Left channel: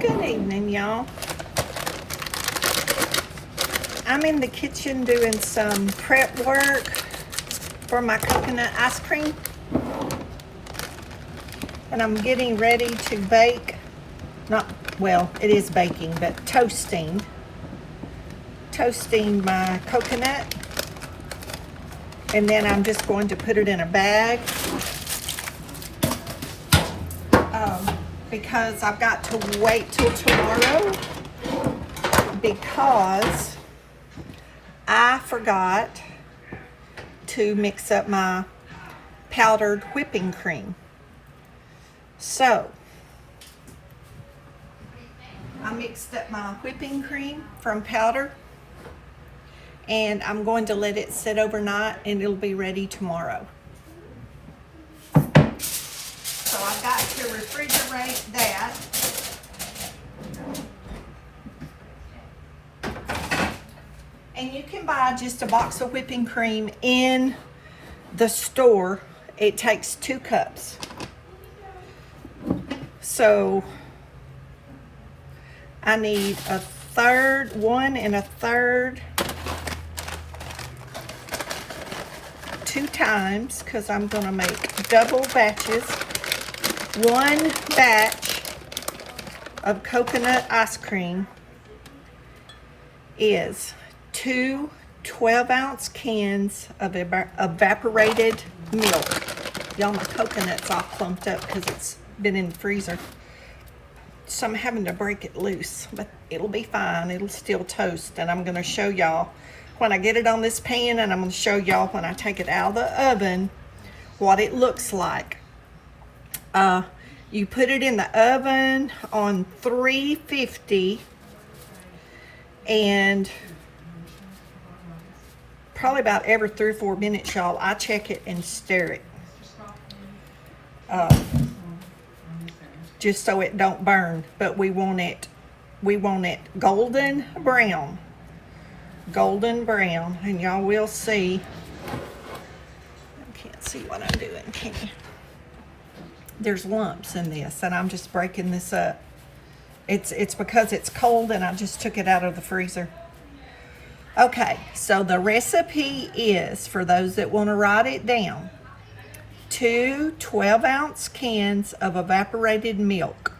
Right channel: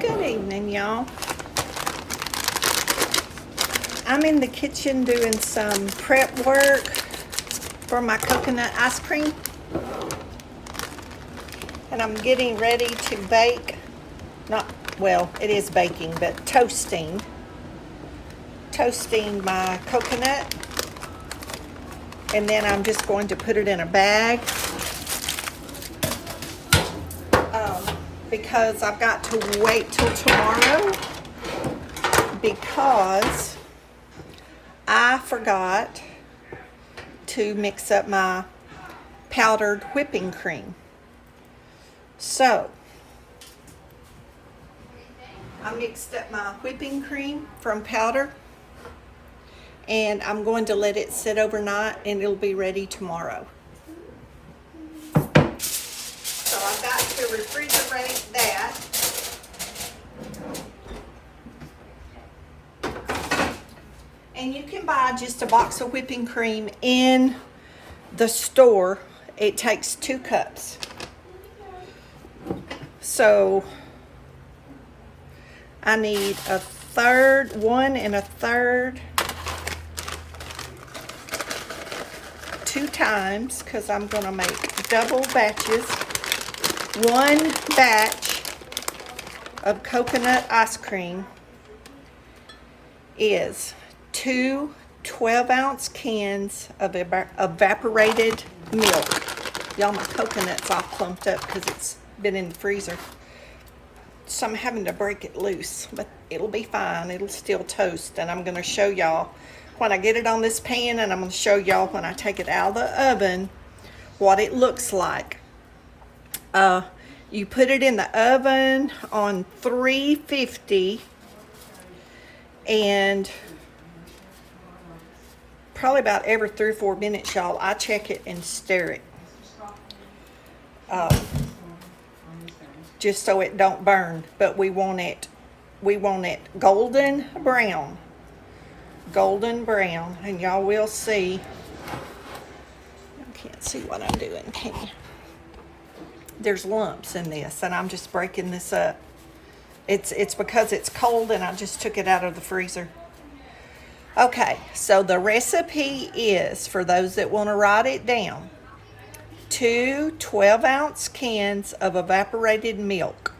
Good evening, y'all. I'm in the kitchen doing some prep work for my coconut ice cream. And I'm getting ready to bake, it is baking, but toasting my coconut. And then I'm just going to put it in a bag because I've got to wait till tomorrow because I forgot to mix up my powdered whipping cream. So I mixed up my whipping cream from powder, and I'm going to let it sit overnight and it'll be ready tomorrow. So I've got to refrigerate that. And you can buy just a box of whipping cream in the store. It takes 2 cups. So I need 1 1/3 2 times, because I'm going to make double batches. 1 batch of coconut ice cream is 2 12-ounce cans of evaporated milk. Y'all, my coconut's all clumped up because it's been in the freezer. So I'm having to break it loose, but it'll be fine. It'll still toast, and I'm going to show y'all when I get it on this pan, and I'm going to show y'all when I take it out of the oven what it looks like. You put it in the oven on 350, and probably about every 3 or 4 minutes, y'all, I check it and stir it. Just so it don't burn, but we want it golden brown. Golden brown, and y'all will see. I can't see what I'm doing, can you? There's lumps in this, and I'm just breaking this up. It's because it's cold, and I just took it out of the freezer. Okay, so the recipe is, for those that want to write it down, 2 12-ounce cans of evaporated milk,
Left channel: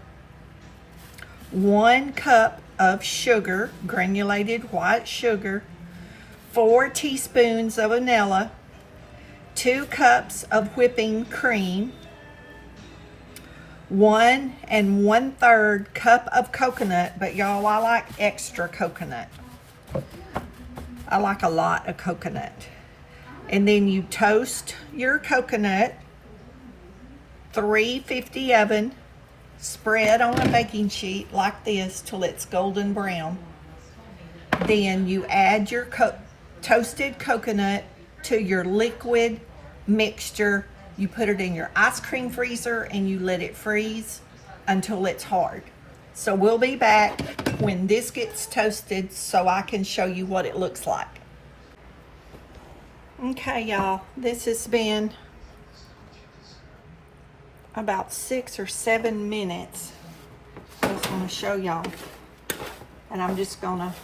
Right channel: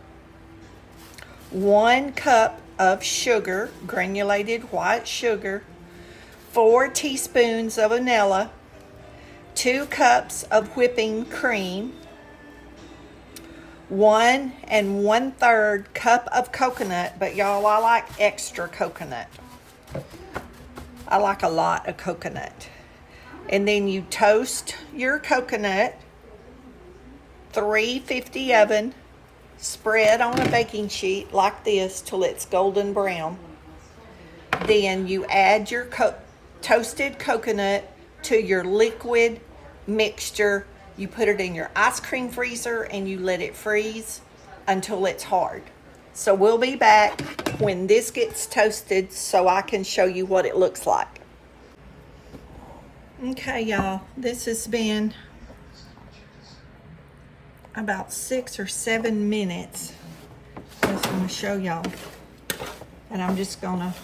1 cup of sugar, granulated white sugar, 4 teaspoons of vanilla, 2 cups of whipping cream, 1 1/3 cup of coconut, but y'all, I like extra coconut. I like a lot of coconut. And then you toast your coconut, 350 oven, spread on a baking sheet like this till it's golden brown. Then you add your toasted coconut to your liquid mixture. You put it in your ice cream freezer and you let it freeze until it's hard. So we'll be back when this gets toasted so I can show you what it looks like. Okay, y'all, this has been about 6 or 7 minutes. I just want to show y'all. And I'm just gonna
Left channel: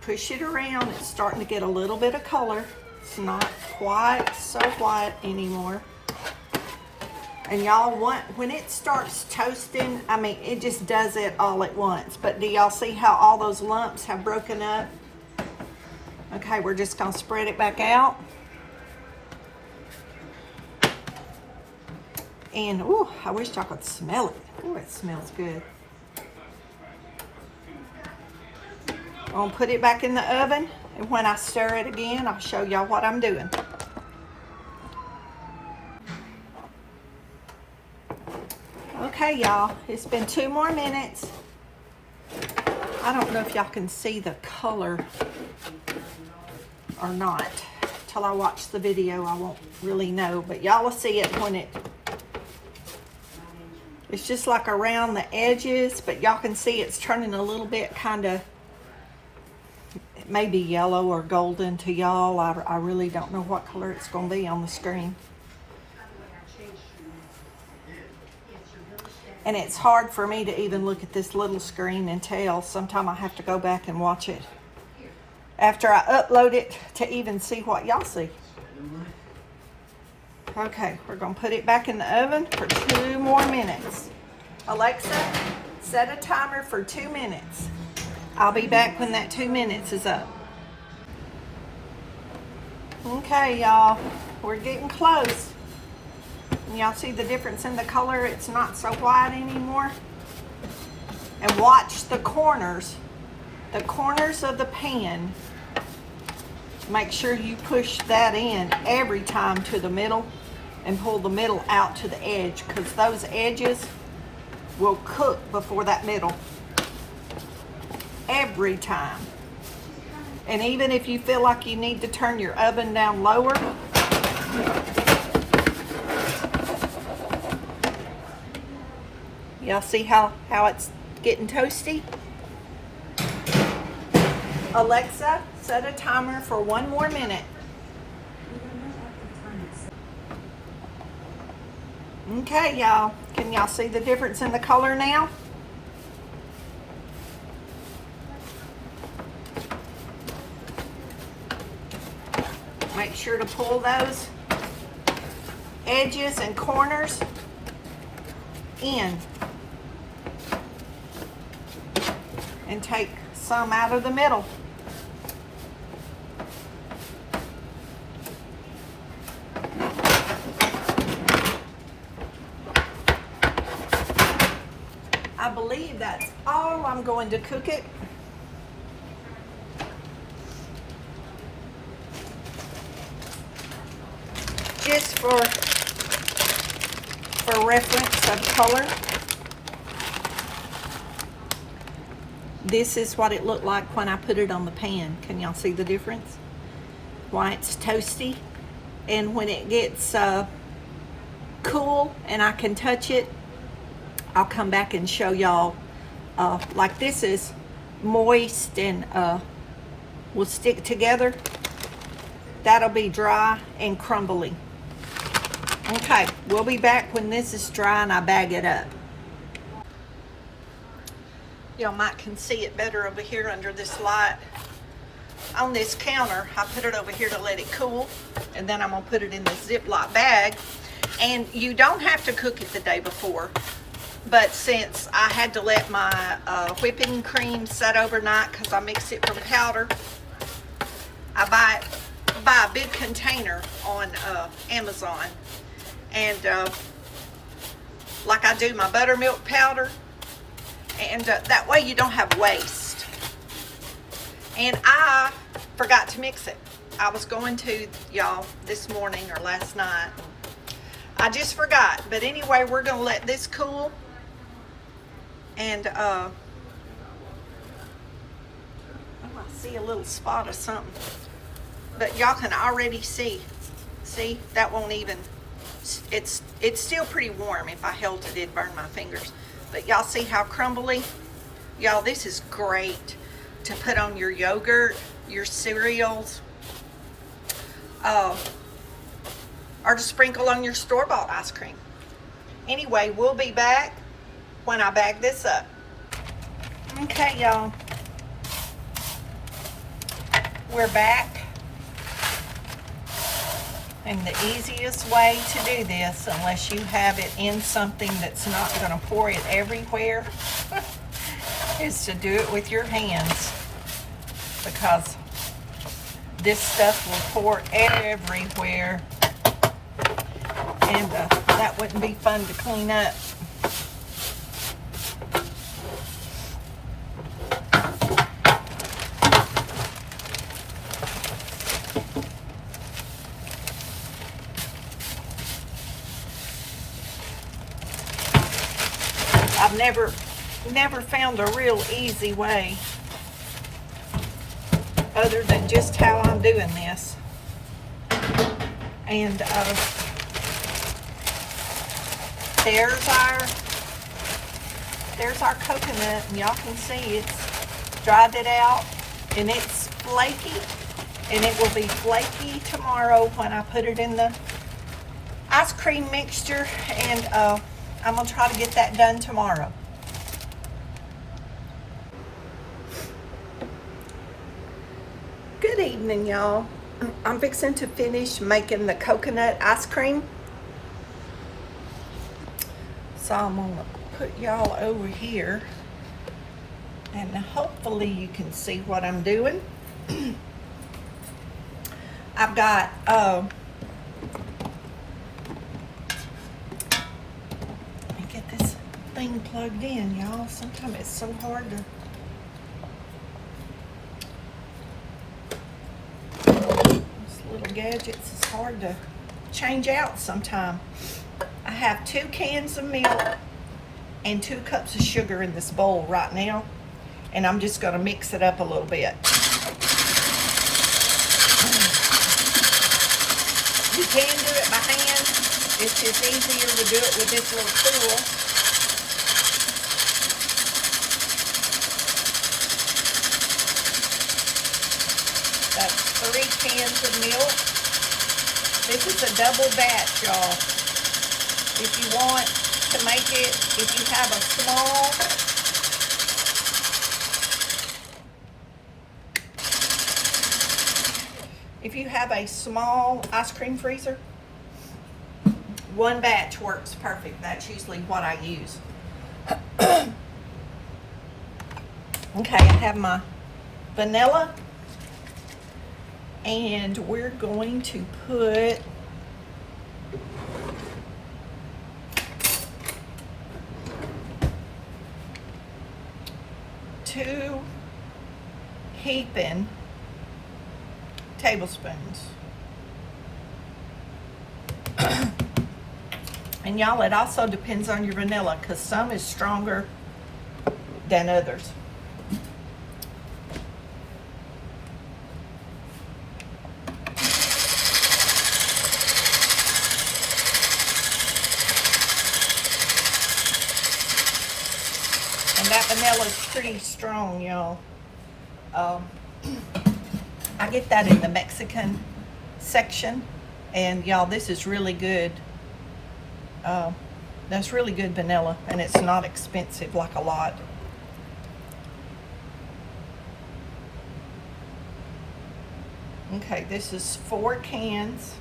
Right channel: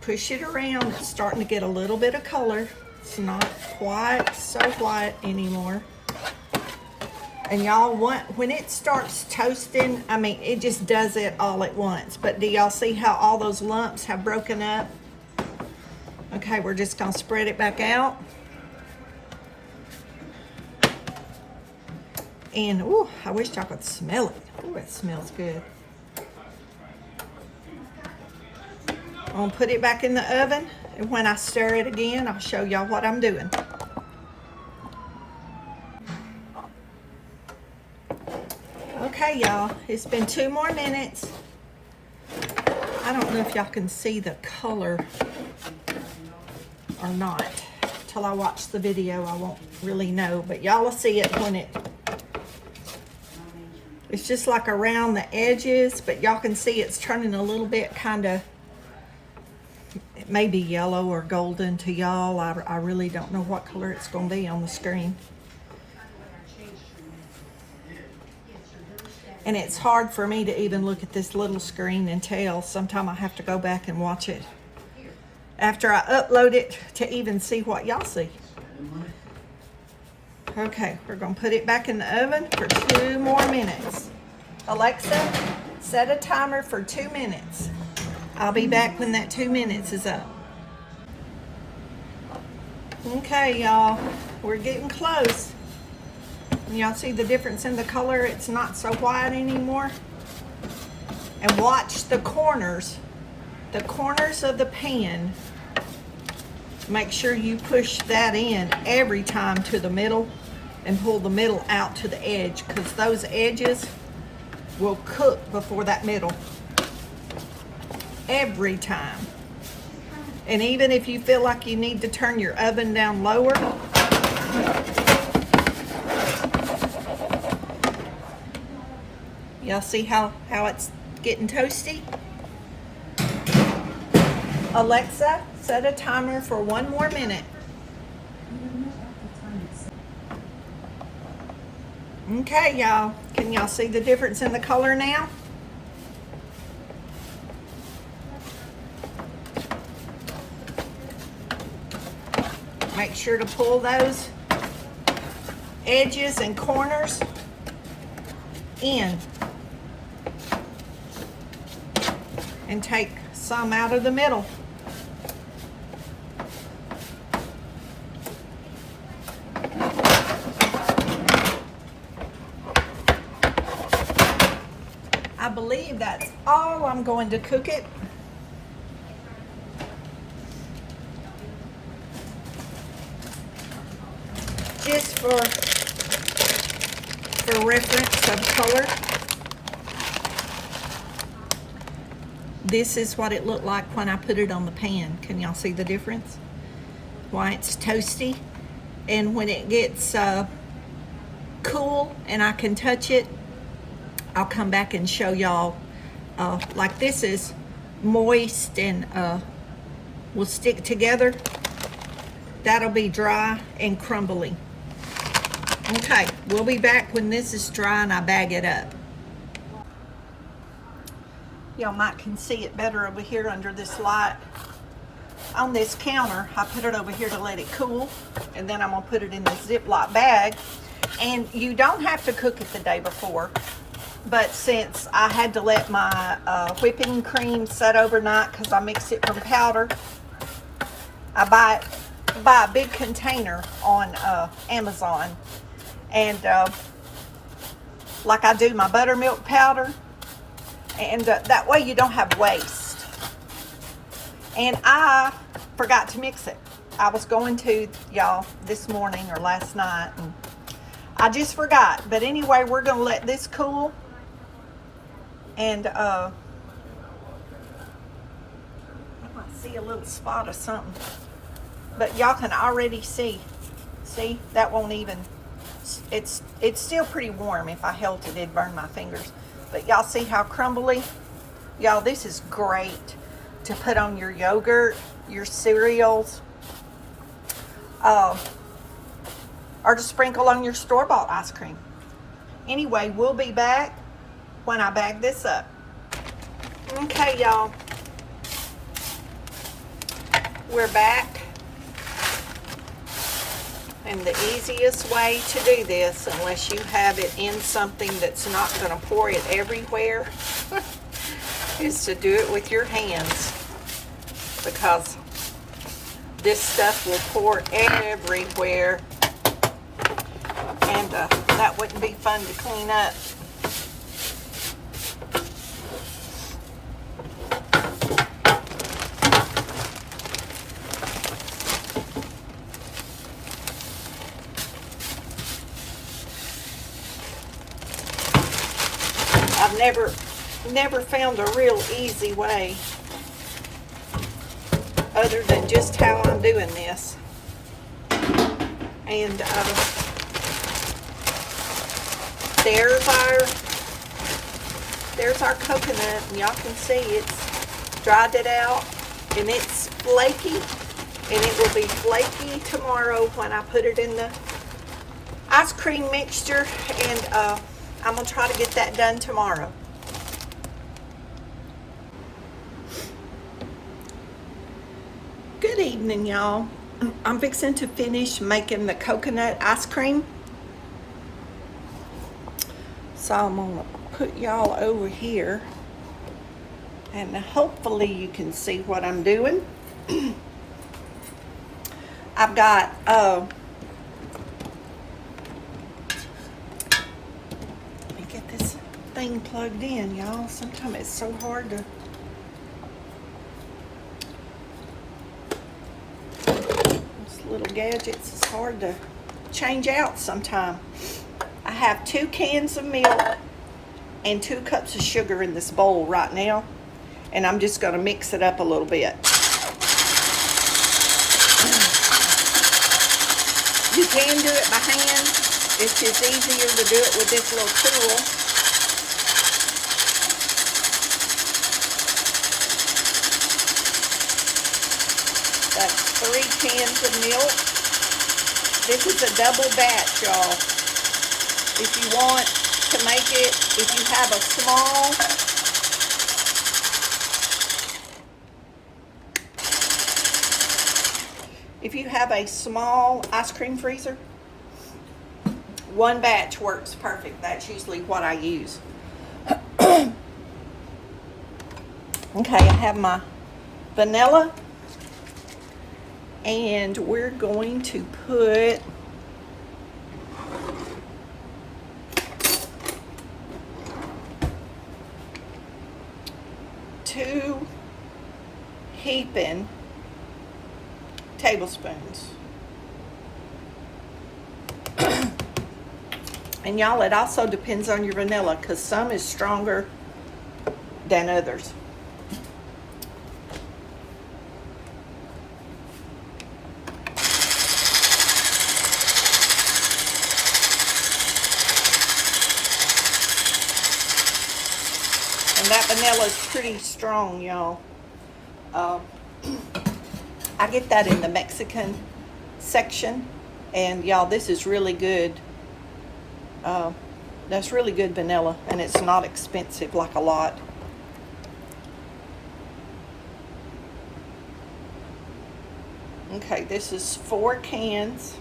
push it around. It's starting to get a little bit of color. It's not quite so white anymore. And y'all, when it starts toasting, I mean, it just does it all at once. But do y'all see how all those lumps have broken up? Okay, we're just gonna spread it back out. And, ooh, I wish y'all could smell it. Ooh, it smells good. I'm gonna put it back in the oven, and when I stir it again, I'll show y'all what I'm doing. Okay, y'all, it's been 2 more minutes. I don't know if y'all can see the color or not. Till I watch the video, I won't really know, but y'all will see it when it's just like around the edges, but y'all can see it's turning a little bit kind of, it may be yellow or golden to y'all. I really don't know what color it's going to be on the screen. And it's hard for me to even look at this little screen and tell. Sometimes I have to go back and watch it after I upload it to even see what y'all see. Okay, we're gonna put it back in the oven for 2 more minutes. Alexa, set a timer for 2 minutes. I'll be back when that 2 minutes is up. Okay, y'all, we're getting close. Y'all see the difference in the color? It's not so white anymore. And watch the corners of the pan. Make sure you push that in every time to the middle and pull the middle out to the edge, because those edges will cook before that middle. Every time. And even if you feel like you need to turn your oven down lower, y'all see how it's getting toasty? Alexa, set a timer for 1 more minute. Okay, y'all. Can y'all see the difference in the color now? Make sure to pull those edges and corners in and take some out of the middle. I believe that's all I'm going to cook it. Just for reference of color. This is what it looked like when I put it on the pan. Can y'all see the difference? Why it's toasty. And when it gets cool and I can touch it, I'll come back and show y'all. Like this is moist and will stick together. That'll be dry and crumbly. Okay, we'll be back when this is dry and I bag it up. Y'all might can see it better over here under this light. On this counter, I put it over here to let it cool, and then I'm gonna put it in this Ziploc bag. And you don't have to cook it the day before, but since I had to let my whipping cream set overnight because I mix it from powder, I buy a big container on Amazon. And like I do my buttermilk powder, and that way you don't have waste. And I forgot to mix it. I was going to, y'all, this morning or last night, and I just forgot. But anyway, we're gonna let this cool, and I see a little spot of something, but y'all can already see that won't even, it's still pretty warm. If I held it, it'd burn my fingers. But y'all see how crumbly? Y'all, this is great to put on your yogurt, your cereals, or to sprinkle on your store-bought ice cream. Anyway, we'll be back when I bag this up. Okay, y'all. We're back. And the easiest way to do this, unless you have it in something that's not going to pour it everywhere, is to do it with your hands, because this stuff will pour everywhere, and that wouldn't be fun to clean up. I've never found a real easy way other than just how I'm doing this. And there's our coconut, and y'all can see it's dried it out, and it's flaky, and it will be flaky tomorrow when I put it in the ice cream mixture. And I'm gonna try to get that done tomorrow. Good evening, y'all. I'm fixing to finish making the coconut ice cream. So I'm gonna put y'all over here and hopefully you can see what I'm doing. I've got let me get this thing plugged in, y'all. Sometimes it's so hard to these little gadgets, it's hard to change out sometime. I have 2 cans of milk and 2 cups of sugar in this bowl right now, and I'm just going to mix it up a little bit. You can do it by hand. It's just easier to do it with this little tool. That's 3 cans of milk. This is a double batch, y'all. If you want to make it, if you have a small ice cream freezer, 1 batch works perfect. That's usually what I use. Okay, I have my vanilla, and we're going to put two heaping tablespoons. And y'all, it also depends on your vanilla, because some is stronger than others. And that vanilla is pretty strong, y'all. I get that in the Mexican section, and y'all, this is really good. That's really good vanilla, and it's not expensive like a lot. Okay, this is 4 cans.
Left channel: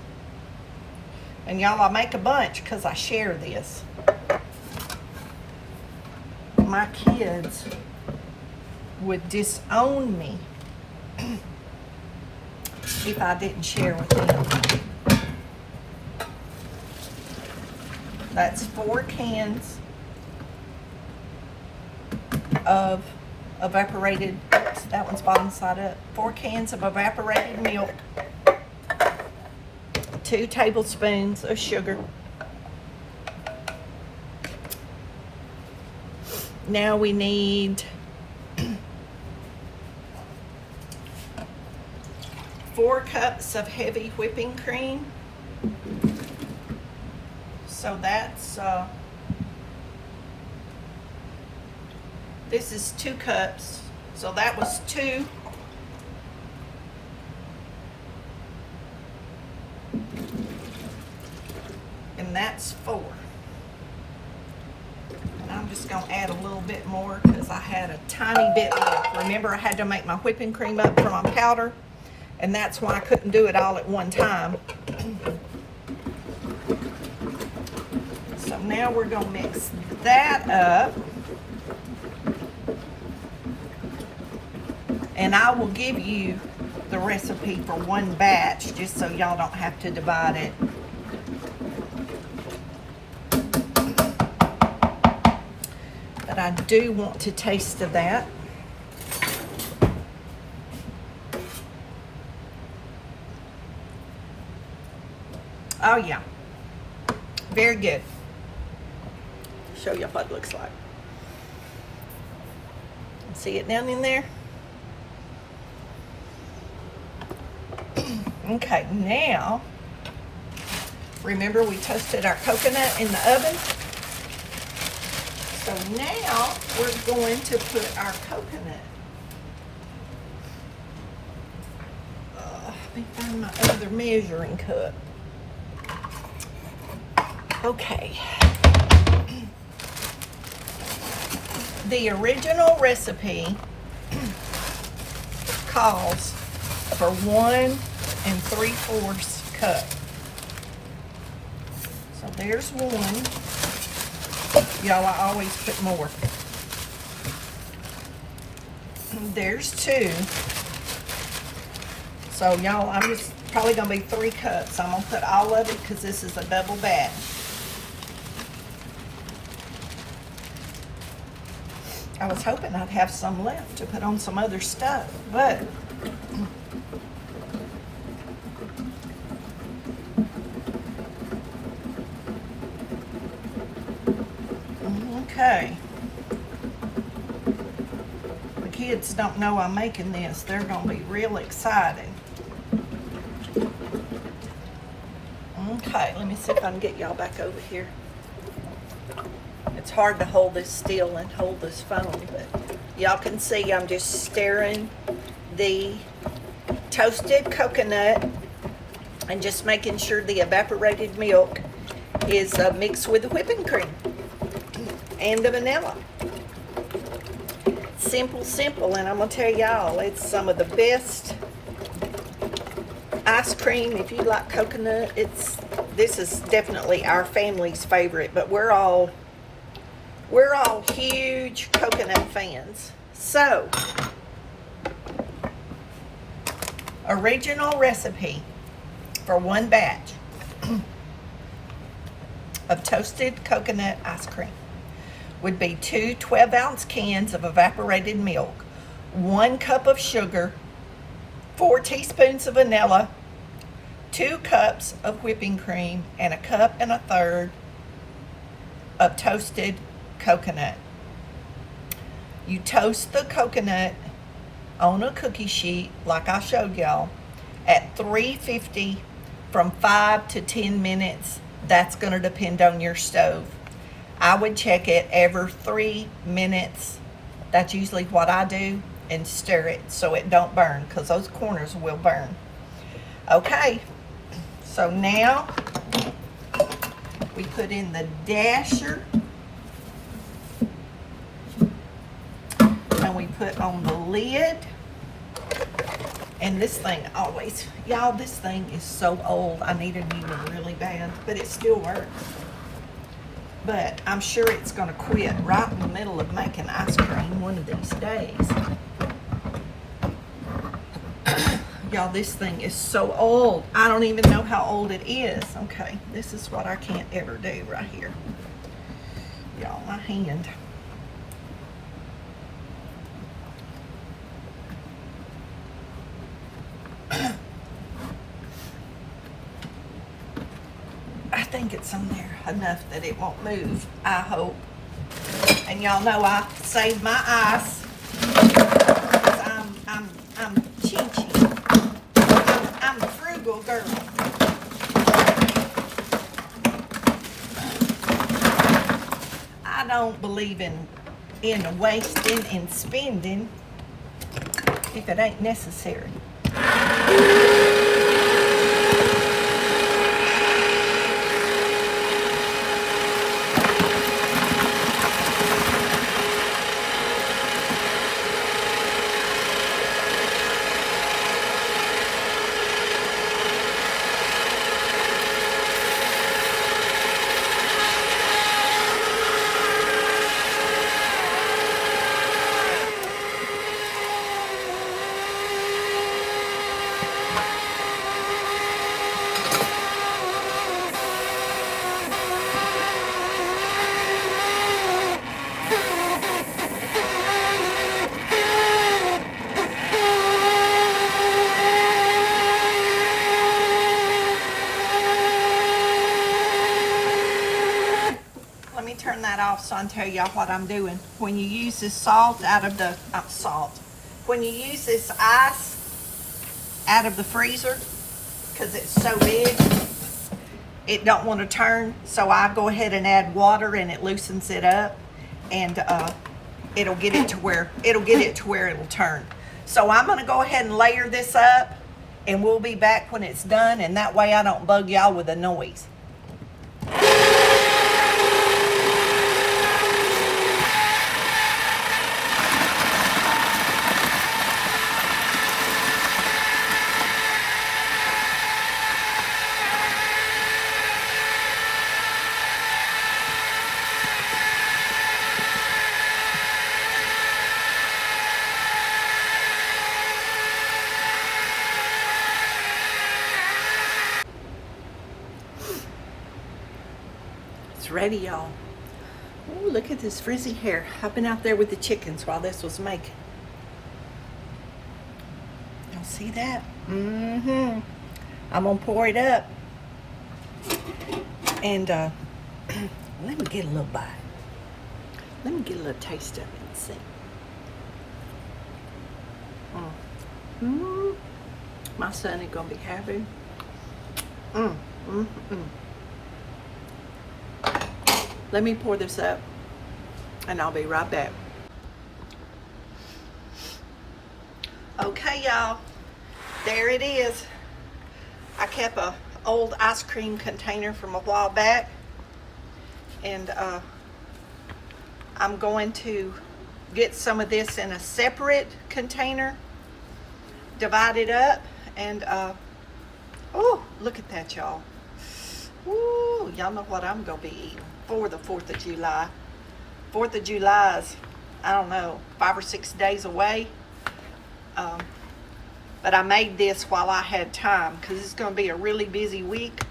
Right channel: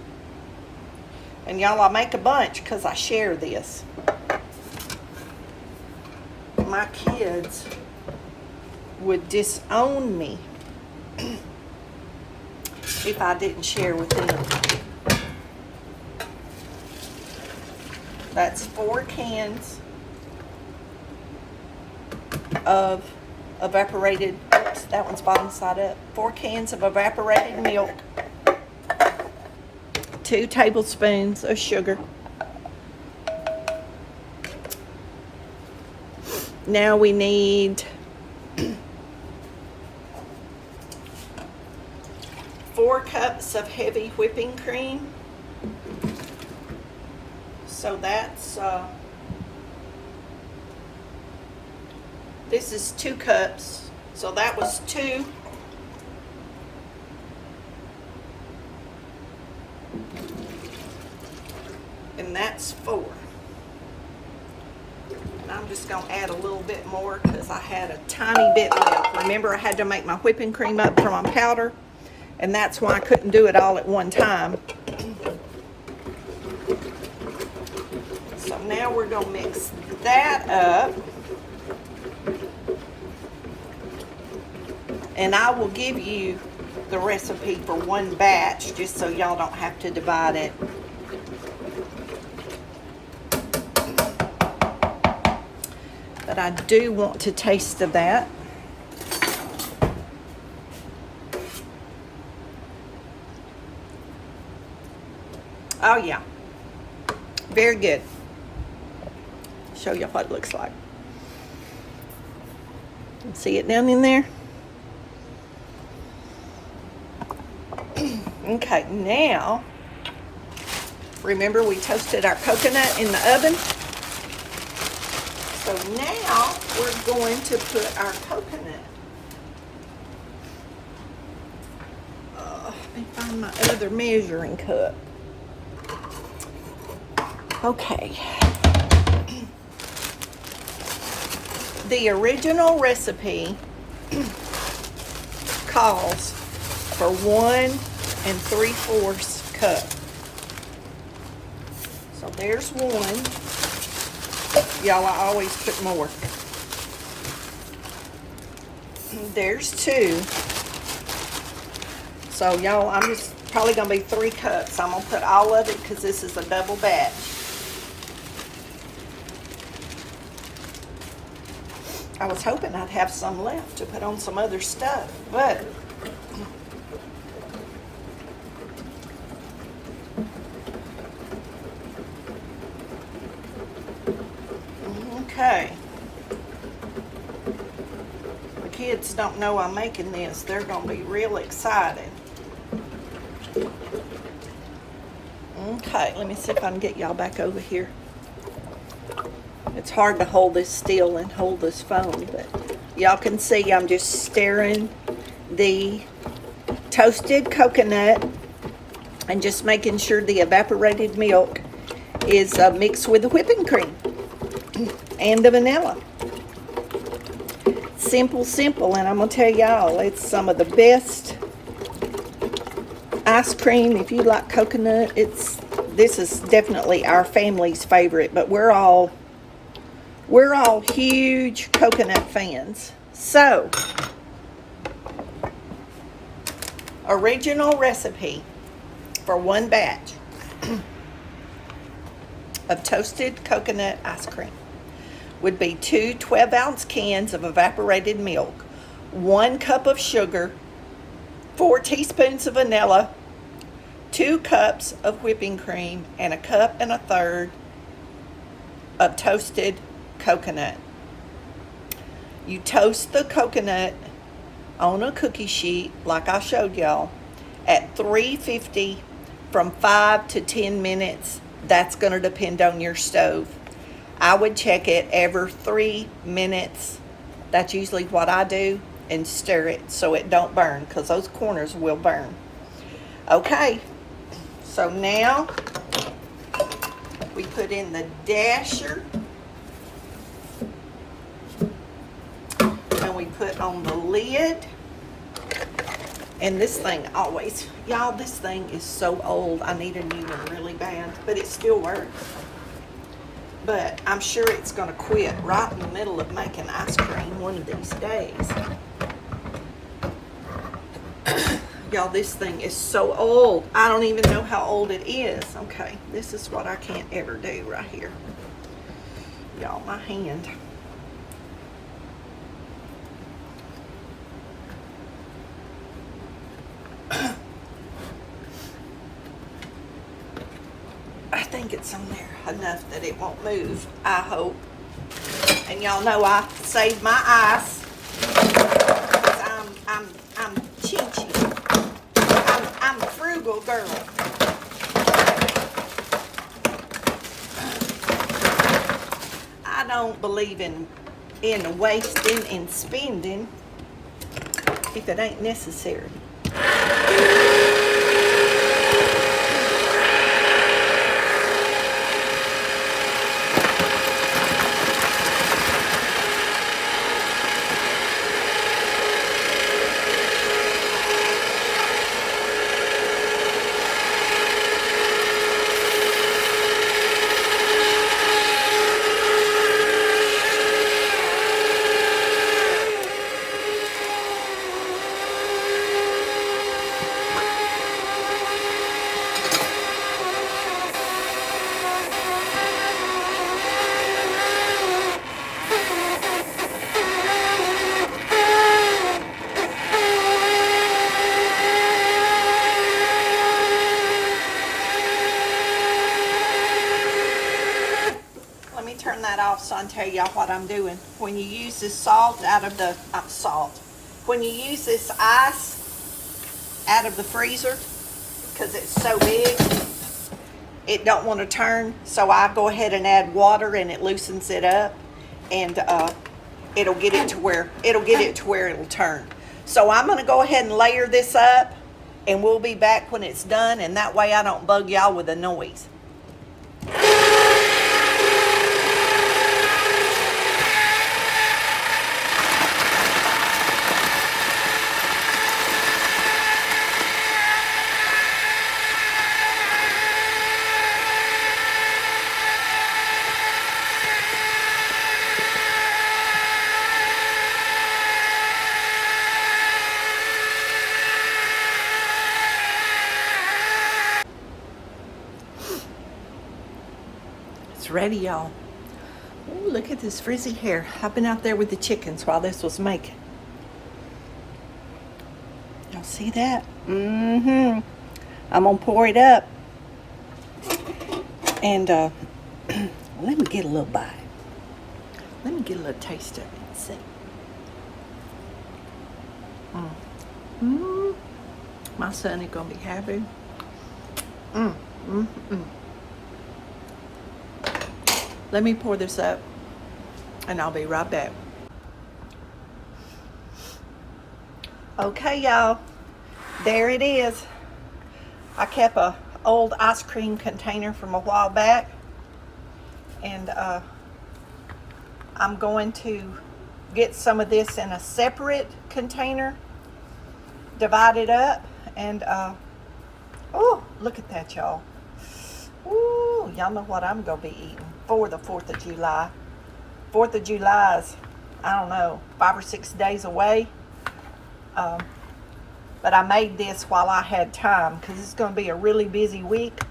And y'all, I make a bunch because I share this. My kids would disown me if I didn't share with them. That's 4 cans of evaporated, oops, that one's bottom side up. 4 cans of evaporated milk, 2 tablespoons of sugar. Now we need 4 cups of heavy whipping cream. So that's, this is 2 cups. So that was 2. And that's 4. And I'm just going to add a little bit more because I had a tiny bit left. Remember, I had to make my whipping cream up from my powder, and that's why I couldn't do it all at one time. So now we're going to mix that up. And I will give you the recipe for 1 batch just so y'all don't have to divide it. But I do want to taste of that. Oh yeah, very good. Show you what it looks like. See it down in there? Okay, now, remember we toasted our coconut in the oven? So now we're going to put our coconut. Let me find my other measuring cup. Okay. The original recipe calls for 1 3/4 cup. So there's one. Y'all, I always put more. There's 2. So y'all, I'm just probably gonna be 3 cups. I'm gonna put all of it because this is a double batch. I was hoping I'd have some left to put on some other stuff, but okay. The kids don't know I'm making this. They're gonna be real excited. Okay, let me see if I can get y'all back over here. It's hard to hold this still and hold this phone, but y'all can see I'm just stirring the toasted coconut and just making sure the evaporated milk is mixed with the whipping cream and the vanilla. Simple, simple, and I'm gonna tell y'all, it's some of the best ice cream. If you like coconut, this is definitely our family's favorite, but we're all huge coconut fans. So, original recipe for 1 batch of toasted coconut ice cream would be 2 12-ounce cans of evaporated milk, 1 cup of sugar, 4 teaspoons of vanilla, 2 cups of whipping cream, and 1 1/3 cups of toasted coconut. You toast the coconut on a cookie sheet like I showed y'all at 350 from 5 to 10 minutes. That's going to depend on your stove. I would check it every 3 minutes. That's usually what I do, and stir it so it don't burn, because those corners will burn. Okay, so now we put in the dasher, and we put on the lid. And this thing always, y'all, this thing is so old. I need a new one really bad, but it still works. But I'm sure it's gonna quit right in the middle of making ice cream one of these days. Y'all, this thing is so old. I don't even know how old it is. Okay, this is what I can't ever do right here. Y'all, my hand. I think it's on there enough that it won't move, I hope. And y'all know I saved my ice because I'm chinchy. I'm a frugal girl. I don't believe in wasting and spending if it ain't necessary. Turn that off so I can tell y'all what I'm doing. When you use this salt out of the when you use this ice out of the freezer, because it's so big, it don't want to turn, so I go ahead and add water and it loosens it up, and it'll get it to where it'll turn. So I'm going to go ahead and layer this up, and we'll be back when it's done, and that way I don't bug y'all with the noise. It's ready, y'all. Ooh, look at this frizzy hair. I've been out there with the chickens while this was making. You see that? Mm-hmm. I'm gonna pour it up. And let me get a little bite. Let me get a little taste of it and see. My son is gonna be happy. Let me pour this up and I'll be right back. Okay, y'all, there it is. I kept a old ice cream container from a while back, and I'm going to get some of this in a separate container, divide it up, and oh, look at that, y'all. Ooh, y'all know what I'm gonna be eating for the 4th of July. 4th of July is, I don't know, 5 or 6 days away. But I made this while I had time because it's going to be a really busy week,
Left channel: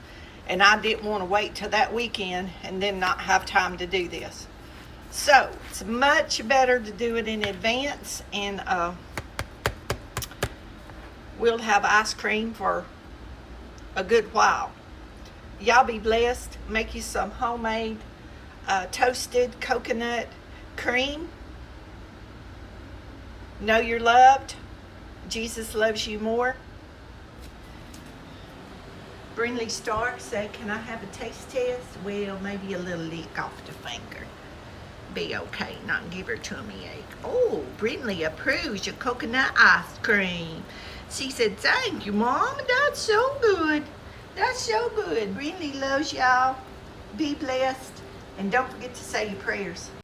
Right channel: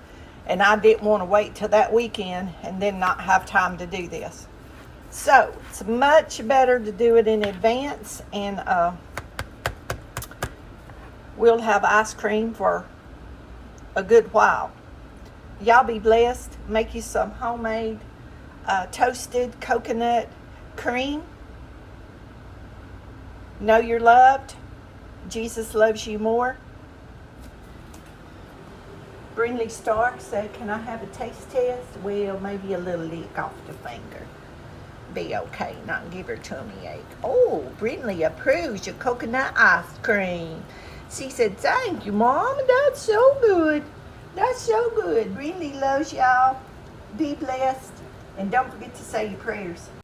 and I didn't want to wait till that weekend and then not have time to do this. So it's much better to do it in advance, and we'll have ice cream for a good while. Y'all be blessed. Make you some homemade toasted coconut cream. Know you're loved. Jesus loves you more. Brinley Stark said, can I have a taste test? Well, maybe a little lick off the finger. Be okay, not give her tummy ache. Oh, Brinley approves your coconut ice cream. She said, thank you, Mom. That's so good. That's so good. Brinley loves y'all. Be blessed. And don't forget to say your prayers.